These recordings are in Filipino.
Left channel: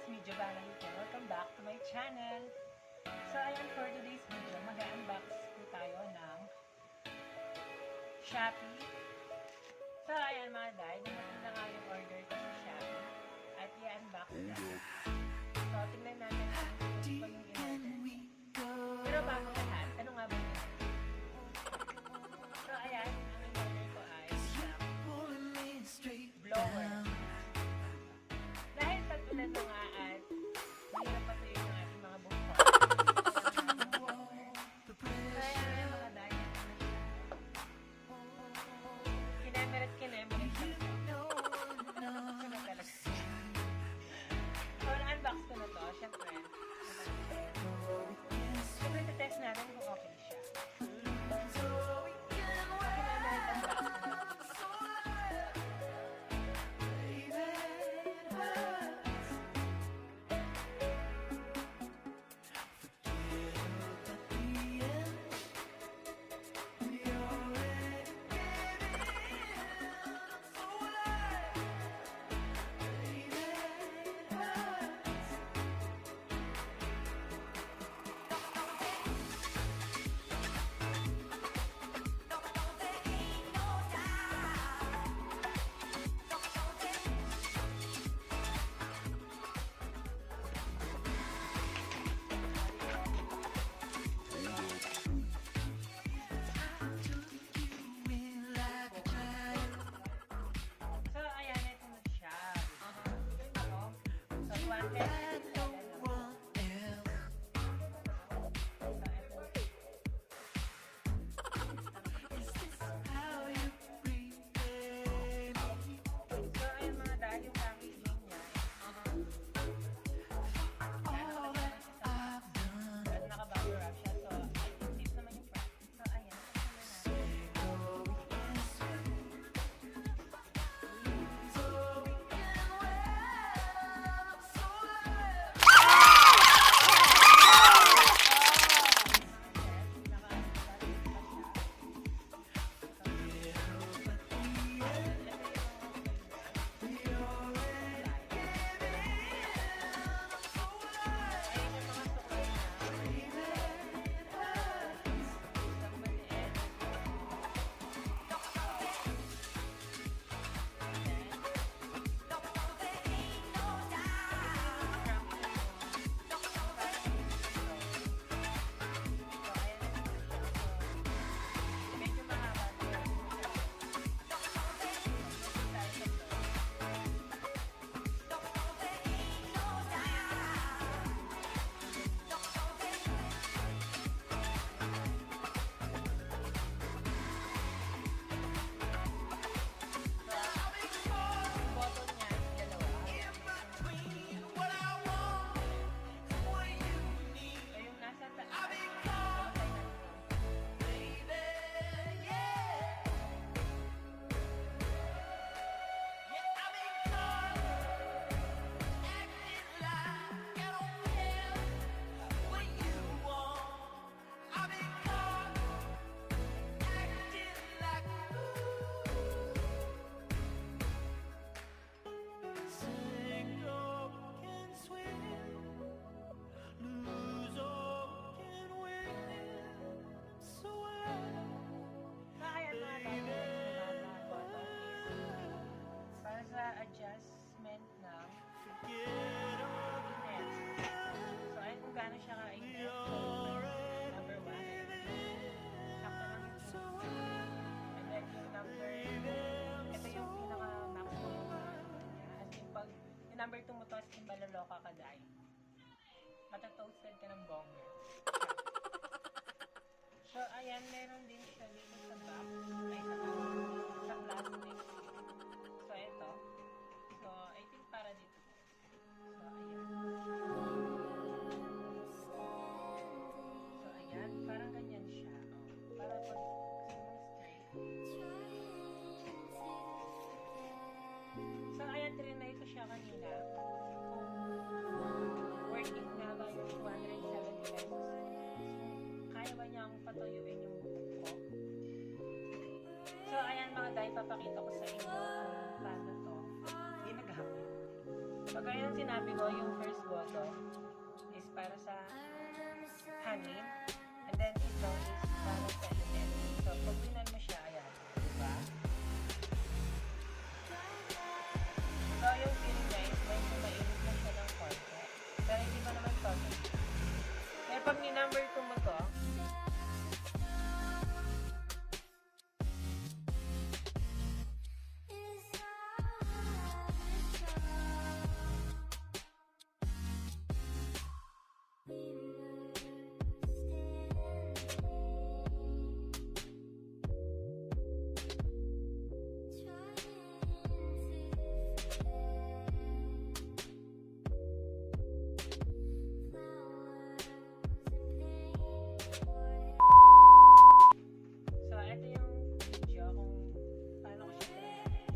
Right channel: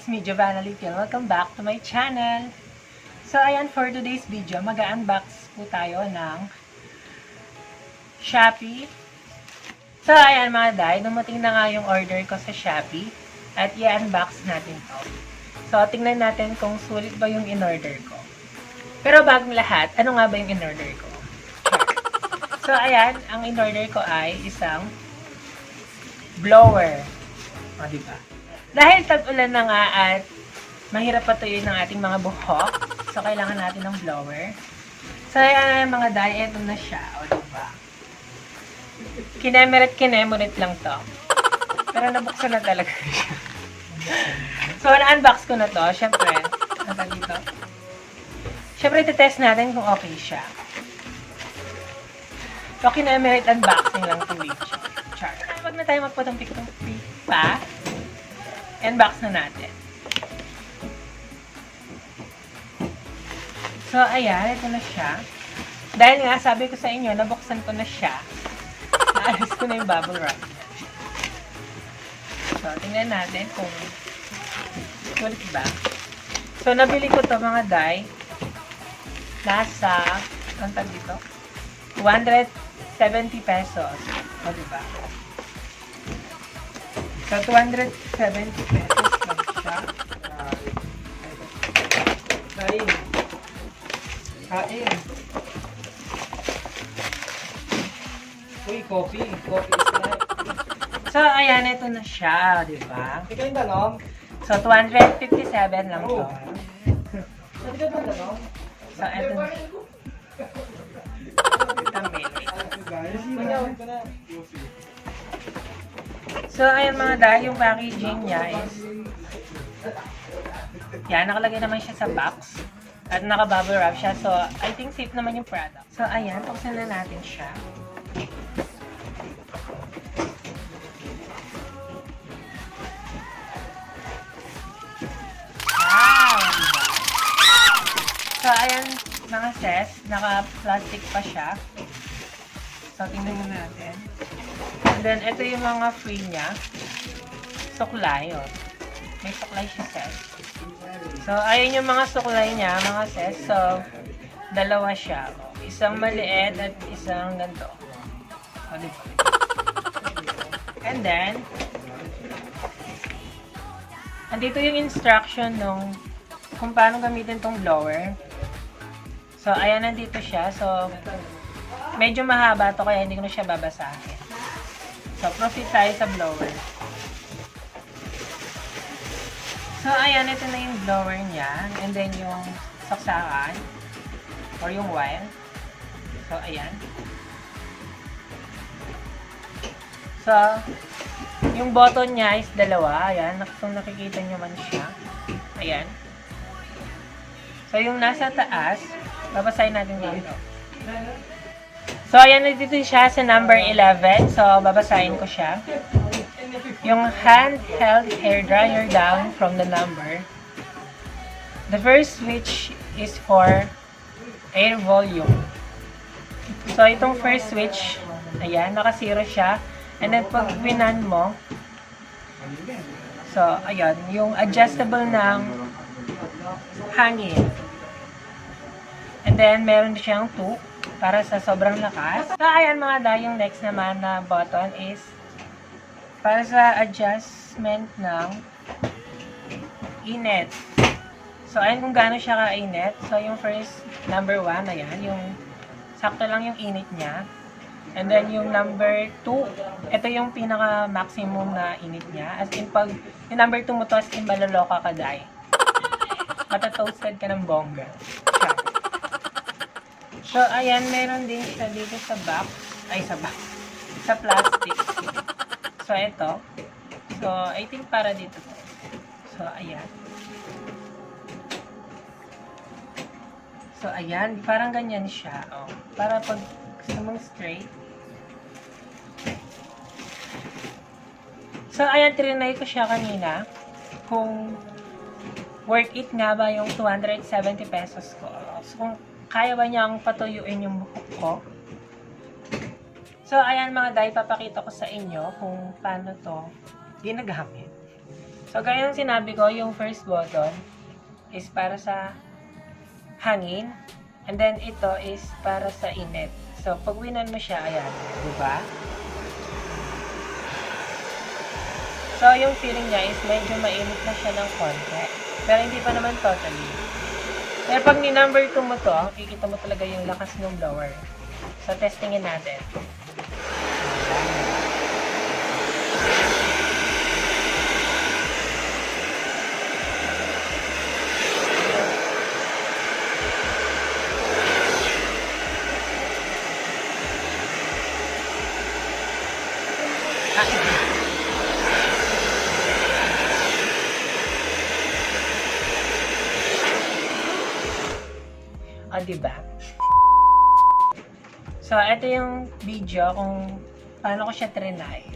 it's me, Giovanna Lipian. Welcome back to my channel. So, ayan, for today's video, mag-unbox po tayo ng Shopee. So, ayan mga day, dumating na nga yung order ko sa Shopee at i-unbox natin to. So, tingnan natin kung sulit ba yung in-order ko. Pero bagong lahat, ano nga ba yung in-order ko? So, ayan, ang in-order ko ay isang blower. O, diba? Dahil tag-ulan na nga at mahirap patuyuin ng ating mga buhok, so kailangan natin ng blower. So, ayan mga day, eto na siya. O, diba? Kinemerit lang to. Pero nabuksan na talaga siya. So, na-unbox ko na to. Siyempre, nasa dito. Siyempre, titest natin kung okay siya. So, kinemerit unboxing lang to video. Char. Huwag na tayo magpatong-pikong pa. Unbox na natin. So, ayan. Ito na siya. Dahil nga, sabi ko sa inyo, nabuksan ko na siya. Naalis ko na yung bubble wrap. So, tingnan natin kung sulit ba. So, nabili ko to mga day. Nasa, ang tag dito? 270 pesos. O, diba? So, 270 pesos lang siya. Kain. Kain. Uy, coffee. Coffee is life. So, ayan, ito na siya, di ba? Ikaw yung tanong? So, 257 lang to. Ikaw yung tanong? So, ito na siya. So, ayan mga dahil, yung packaging niya is yan, nakalagay naman siya sa box at naka-bubble wrap siya. So, I think safe naman yung product. So, ayan, buksan na natin siya. So, ayan, mga sis, naka-plastic pa siya. So, tingnan mo natin. And then, ito yung mga free niya. Suklay, oh. May suklay siya, sis. So, ayun yung mga suklay niya, mga sis. So, dalawa siya. Isang maliit at isang ganito. And then, andito yung instruction nung kung paano gamitin tong blower. So, ayan, nandito siya. So, medyo mahaba to kaya hindi ko na siya babasahin. So, proceed tayo sa blower. So, ayan, ito na yung blower niya. And then, yung saksakan or yung wire. So, ayan. So, yung button niya is dalawa. Ayan, kung nakikita nyo man siya. Ayan. So, yung nasa taas, babasahin natin dito. So, ayan, nandito siya sa number 11. So, babasahin ko siya. Yung handheld hair dryer down from the number. The first switch is for air volume. So, itong first switch, ayan, naka-zero siya. And then, pag winan mo, so, ayan, yung adjustable ng hangin. And then, meron siyang 2 para sa sobrang lakas. So, ayan mga day, yung next naman na button is para sa adjustment ng init. So, ayan kung gaano siya ka-init. So, yung first, number 1, ayan, yung sakto lang yung init niya. And then, yung number 2, ito yung pinaka-maximum na init niya. As in, pag yung number 2 mo to, as in, maloloka ka, day. Matatoasted ka ng bongga. Siya. So, ayan, meron din siya dito sa box. Ay, sa box. Sa plastic. So, ito. So, I think para dito. So, ayan. So, ayan. Parang ganyan siya. Oh. Para pag gusto mong straight. So, ayan. Trinay ko siya kanina. Kung worth it nga ba yung 270 pesos ko. So, kung kaya ba niyang patuyuin yung buhok ko? So, ayan mga day, papakita ko sa inyo kung paano to ginagamit. So, gaya ng sinabi ko, yung first button is para sa hangin. And then, ito is para sa init. So, pag winan mo siya, ayan. Diba? So, yung feeling niya is medyo mainit na siya ng konti. Pero hindi pa naman totally. Pero pag ni number 2 mo to, kikita mo talaga yung lakas ng blower. So, testingin natin. Diba? So, ito yung video kung paano ko siya trinay.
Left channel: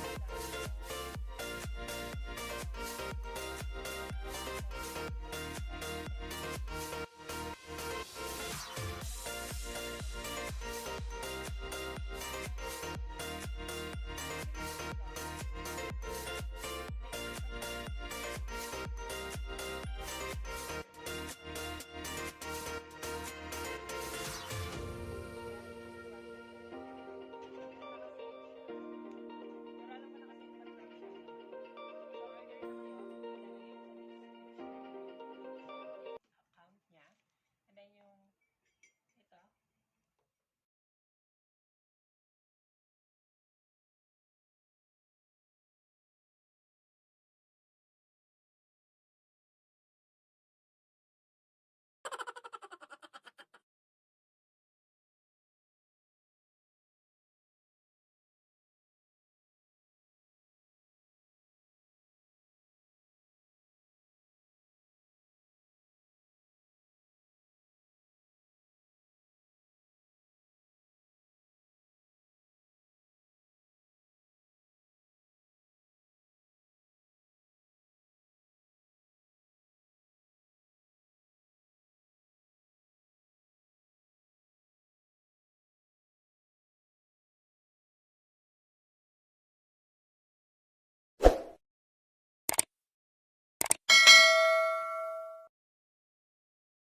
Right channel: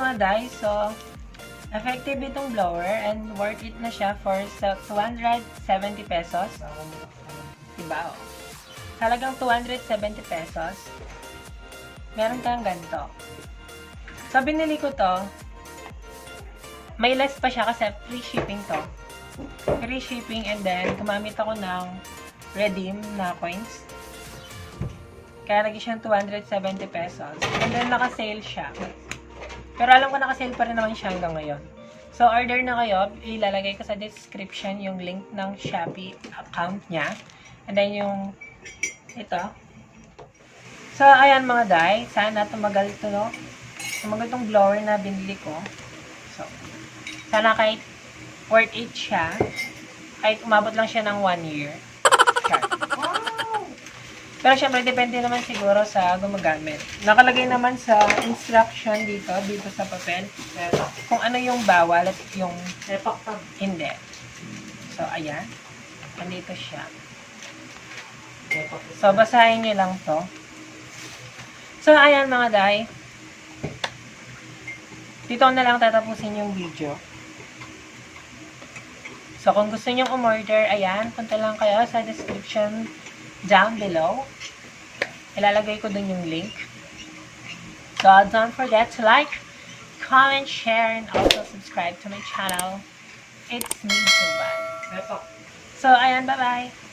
mga day, so effective itong blower and worth it na siya for 270 pesos. Diba? Talagang 270 pesos. Meron kang ganito. So, binili ko to. May less pa siya kasi free shipping to. Free shipping and then gumamit ako ng redeem na coins. Kaya naging siyang 270 pesos. And then naka-sale siya. Pero alam ko naka-sale pa rin naman siya hanggang ngayon. So order na kayo. Ilalagay ko sa description yung link ng Shopee account niya. And then yung ito. So ayan mga day. Sana tumagal ito, no? Tumagal itong blower na binili ko. So sana kahit worth it siya. Kahit umabot lang siya ng 1 year. Sure. Pero syempre, depende naman siguro sa gumagamit. Nakalagay naman sa instruction dito sa papel, kung ano yung bawal at yung hindi. So, ayan. Nandito siya. So, basahin nyo lang to. So, ayan mga day. Dito na lang tatapusin yung video. So, kung gusto nyo umorder, ayan, punta lang kayo sa description down below. Ilalagay ko dun yung link. So, don't forget to like, comment, share, and also subscribe to my channel. It's me, Tuba. So, ayan, bye-bye!